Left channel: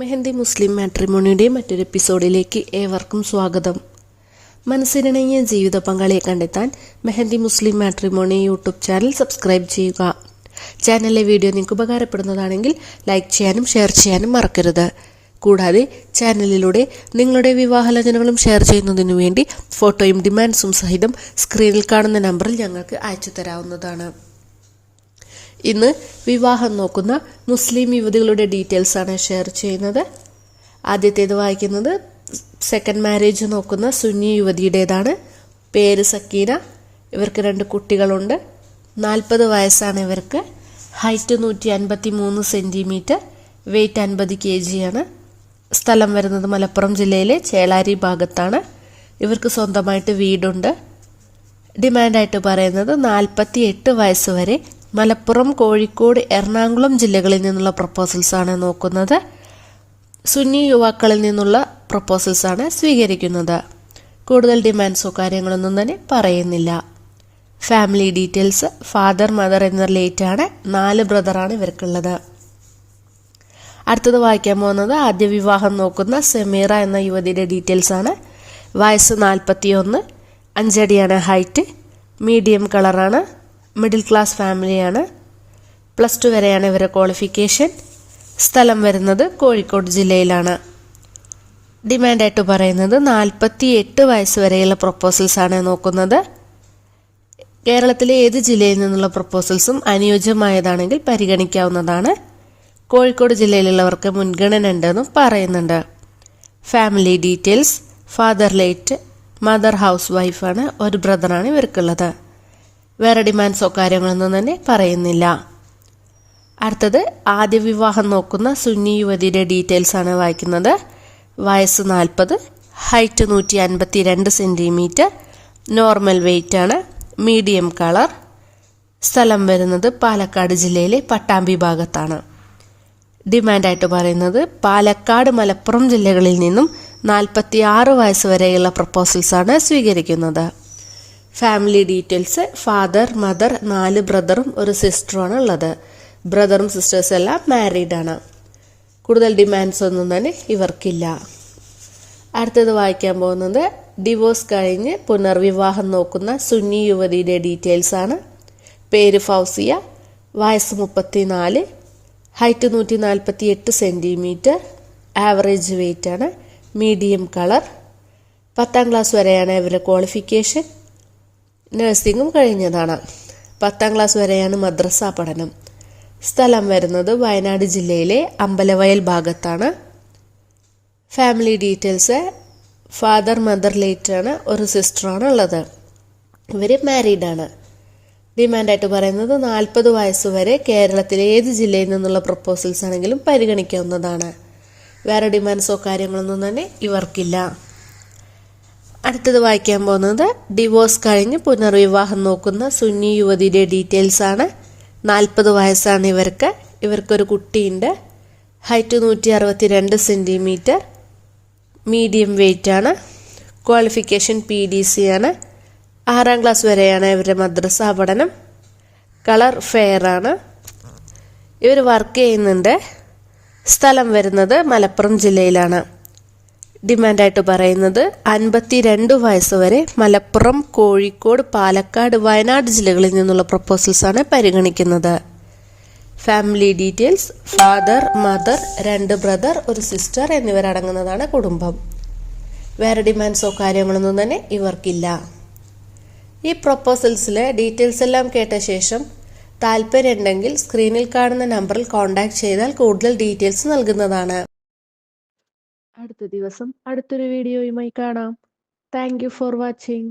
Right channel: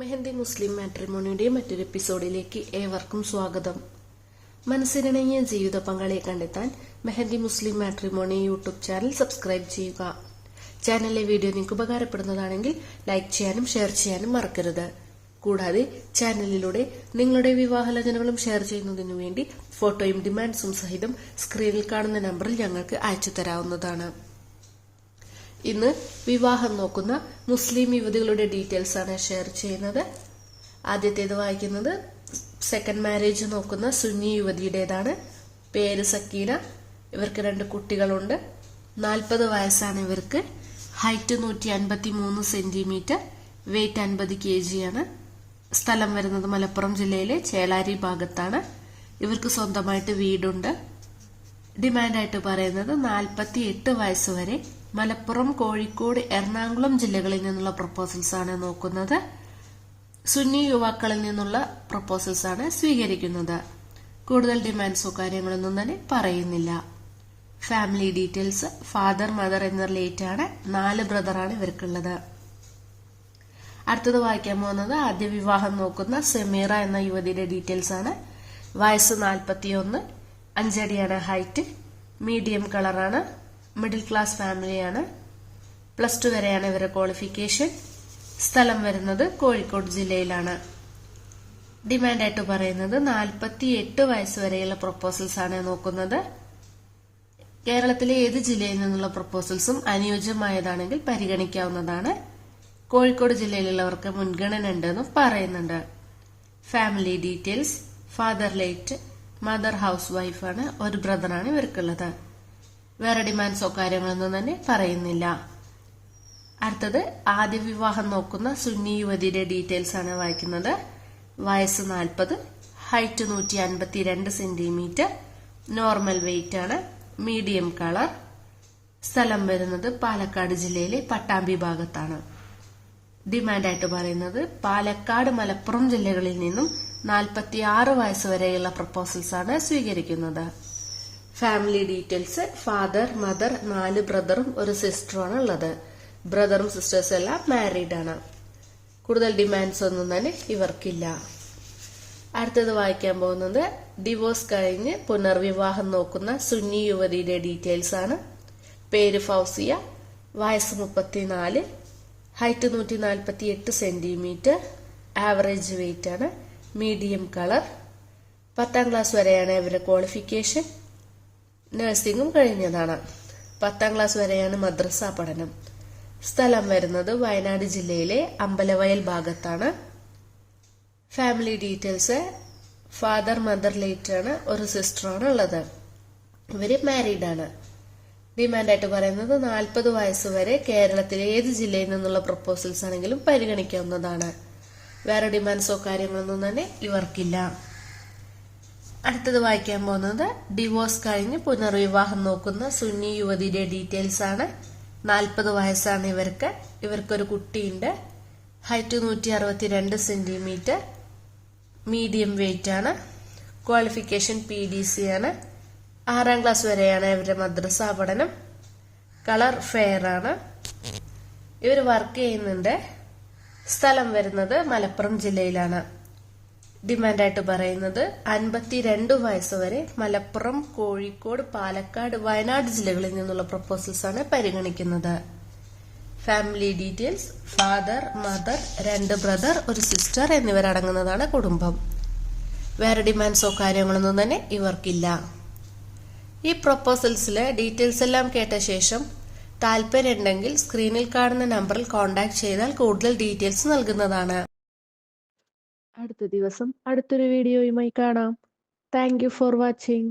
മെഹന്തി മുസ്ലിം മാട്രിമോണിയുടെ മറ്റൊരു എപ്പിസോഡിലേക്ക് ഏവർക്കും സ്വാഗതം. മനസ്സിനിണങ്ങിയ ജീവിത പങ്കാളിയെ കണ്ടെത്താൻ മെഹന്തി മുസ്ലിം മാട്രിമോണി യൂട്യൂബ് ചാനൽ സബ്സ്ക്രൈബ് ചെയ്യുക. ചാനലിലെ വീഡിയോ നിങ്ങൾക്ക് ഉപകാരപ്പെടുന്നതാണെങ്കിൽ ലൈക്ക് ചെയ്യാനും ഷെയർ ചെയ്യാനും മറക്കരുത്. കൂടാതെ ചാനലിലൂടെ നിങ്ങളുടെ വിവാഹാലോചനകളും ഷെയർ ചെയ്യുന്നതിനു വേണ്ടി ഫോട്ടോയും ഡിമാൻഡ്സും സഹിതം സ്ക്രീനിൽ കാണുന്ന നമ്പറിൽ ഞങ്ങൾക്ക് അയച്ചു തരാവുന്നതാണ്. ഇന്ന് വിവാഹം നോക്കുന്ന മുസ്ലിം യുവതികളുടെ ഡീറ്റെയിൽസ് ആണ് ഷെയർ ചെയ്യുന്നത്. ആദ്യത്തേത് വായിക്കുന്നത് സെക്കൻഡ് മാരേജ് നോക്കുന്ന സുന്നി യുവതിയുടേതാണ്. പേര് സക്കീന. ഇവർക്ക് 2 കുട്ടികളുണ്ട്. 40 വയസ്സാണ് ഇവർക്ക്. ഹൈറ്റ് 153 സെൻറ്റിമീറ്റർ, വെയ്റ്റ് 50 kg ആണ്. സ്ഥലം വരുന്നത് മലപ്പുറം ജില്ലയിലെ ചേളാരി ഭാഗത്താണ്. ഇവർക്ക് സ്വന്തമായിട്ട് വീടുണ്ട്. ഡിമാൻഡായിട്ട് പറയുന്നത് 48 വയസ്സ് വരെ മലപ്പുറം, കോഴിക്കോട്, എറണാകുളം ജില്ലകളിൽ നിന്നുള്ള പ്രപ്പോസൽസ് ആണ് നോക്കുന്നത്. സുന്നി യുവാക്കളിൽ നിന്നുള്ള പ്രപ്പോസൽസ് ആണ് സ്വീകരിക്കുന്നത്. കൂടുതൽ ഡിമാൻഡ്സോ കാര്യങ്ങളൊന്നും തന്നെ പറയുന്നില്ല. ഫാമിലി ഡീറ്റെയിൽസ് ഫാദർ, മദർ എന്ന റിലേറ്റ് ആണ്. 4 ബ്രദറാണ് ഇവർക്കുള്ളത്. അടുത്തത് വായിക്കാൻ പോകുന്നത് ആദ്യ വിവാഹം നോക്കുന്ന സെമീറ എന്ന യുവതിയുടെ ഡീറ്റെയിൽസ് ആണ്. വയസ്സ് 41, 5 അടിയാണ് ഹൈറ്റ്, മീഡിയം കളറാണ്, മിഡിൽ ക്ലാസ് ഫാമിലിയാണ്. +2 വരെയാണ് ഇവരുടെ ക്വാളിഫിക്കേഷൻ. സ്ഥലം വരുന്നത് കോഴിക്കോട് ജില്ലയിലാണ്. ഡിമാൻഡായിട്ട് പറയുന്നത് 48 വയസ്സ് വരെയുള്ള പ്രപ്പോസൽസ് ആണ് നോക്കുന്നത്. കേരളത്തിലെ ഏത് ജില്ലയിൽ നിന്നുള്ള പ്രപ്പോസൽസും അനുയോജ്യമായതാണെങ്കിൽ പരിഗണിക്കാവുന്നതാണ്. കോഴിക്കോട് ജില്ലയിലുള്ളവർക്ക് മുൻഗണന ഉണ്ടെന്നും പറയുന്നുണ്ട്. Family details father late, mother house വൈഫാണ്. 1 ബ്രദറാണ് ഇവർക്കുള്ളത്. വേറെ ഡിമാൻഡ്സോ കാര്യങ്ങളൊന്നും തന്നെ പറയുന്നില്ല. അടുത്തത് ആദ്യ വിവാഹം നോക്കുന്ന സുന്നി യുവതിയുടെ ഡീറ്റെയിൽസ് ആണ് വായിക്കുന്നത്. വയസ്സ് 40, ഹൈറ്റ് 152 സെൻറ്റിമീറ്റർ, നോർമൽ വെയ്റ്റ് ആണ്, മീഡിയം കളർ. സ്ഥലം വരുന്നത് പാലക്കാട് ജില്ലയിലെ പട്ടാമ്പി ഭാഗത്താണ്. ഡിമാൻഡായിട്ട് പറയുന്നത് പാലക്കാട്, മലപ്പുറം ജില്ലകളിൽ നിന്നും 46 വയസ്സ് വരെയുള്ള പ്രപ്പോസൽസ് ആണ് സ്വീകരിക്കുന്നത്. ഫാമിലി ഡീറ്റെയിൽസ് ഫാദർ, മദർ, 4 ബ്രദറും 1 സിസ്റ്ററുമാണ് ഉള്ളത്. ബ്രദറും സിസ്റ്റേഴ്സ് എല്ലാം മാരീഡ് ആണ്. കൂടുതൽ ഡിമാൻഡ്സ് ഒന്നും തന്നെ ഇവർക്കില്ല. അടുത്തത് വായിക്കാൻ പോകുന്നത് ഡിവോഴ്സ് കഴിഞ്ഞ് പുനർവിവാഹം നോക്കുന്ന സുന്നി യുവതിയുടെ ഡീറ്റെയിൽസ് ആണ്. പേര് ഫൗസിയ. വയസ്സ് 34, ഹൈറ്റ് 148 സെൻറ്റിമീറ്റർ, ആവറേജ് വെയ്റ്റ് ആണ്, മീഡിയം കളർ. 10ാം ക്ലാസ് വരെയാണ് ഇവരുടെ ക്വാളിഫിക്കേഷൻ. നഴ്സിംഗും കഴിഞ്ഞതാണ്. 10ാം ക്ലാസ് വരെയാണ് മദ്രസ പഠനം. സ്ഥലം വരുന്നത് വയനാട് ജില്ലയിലെ അമ്പലവയൽ ഭാഗത്താണ്. Family details father, mother late ആണ്, 1 സിസ്റ്ററാണ് ഉള്ളത്. ഇവർ മാരീഡ് ആണ്. ഡിമാൻഡായിട്ട് പറയുന്നത് 40 വയസ്സ് വരെ കേരളത്തിലെ ഏത് ജില്ലയിൽ നിന്നുള്ള പ്രപ്പോസൽസ് ആണെങ്കിലും പരിഗണിക്കാവുന്നതാണ്. വേറെ ഡിമാൻഡ്സോ കാര്യങ്ങളൊന്നും തന്നെ ഇവർക്കില്ല. അടുത്തത് വായിക്കാൻ പോകുന്നത് ഡിവോഴ്സ് കഴിഞ്ഞ് പുനർവിവാഹം നോക്കുന്ന സുന്നി യുവതിയുടെ ഡീറ്റെയിൽസ് ആണ്. 40 വയസ്സാണ് ഇവർക്ക്. ഇവർക്കൊരു കുട്ടിയുണ്ട്. ഹൈറ്റ് 162 സെൻറ്റിമീറ്റർ, മീഡിയം വെയ്റ്റ് ആണ്. ക്വാളിഫിക്കേഷൻ PDC ആണ്. 6ാം ക്ലാസ് വരെയാണ് ഇവരുടെ മദ്രസ പഠനം. കളർ ഫെയർ ആണ്. ഇവർ വർക്ക് ചെയ്യുന്നുണ്ട്. സ്ഥലം വരുന്നത് മലപ്പുറം ജില്ലയിലാണ്. ഡിമാൻഡായിട്ട് പറയുന്നത് 52 വയസ്സ് വരെ മലപ്പുറം, കോഴിക്കോട്, പാലക്കാട്, വയനാട് ജില്ലകളിൽ നിന്നുള്ള പ്രപ്പോസൽസ് ആണ് പരിഗണിക്കുന്നത്. Family details father, mother, 2 brother, 1 sister എന്നിവരടങ്ങുന്നതാണ് കുടുംബം. വേറെ ഡിമാൻഡ്സോ കാര്യങ്ങളൊന്നും തന്നെ ഇവർക്കില്ല. ഈ പ്രപ്പോസൽസിലെ ഡീറ്റെയിൽസ് എല്ലാം കേട്ട ശേഷം താല്പര്യമുണ്ടെങ്കിൽ സ്ക്രീനിൽ കാണുന്ന നമ്പറിൽ കോൺടാക്ട് ചെയ്താൽ കൂടുതൽ ഡീറ്റെയിൽസ് നൽകുന്നതാണ്. അടുത്ത ദിവസം അടുത്തൊരു വീഡിയോയുമായി കാണാം. Thank you for watching.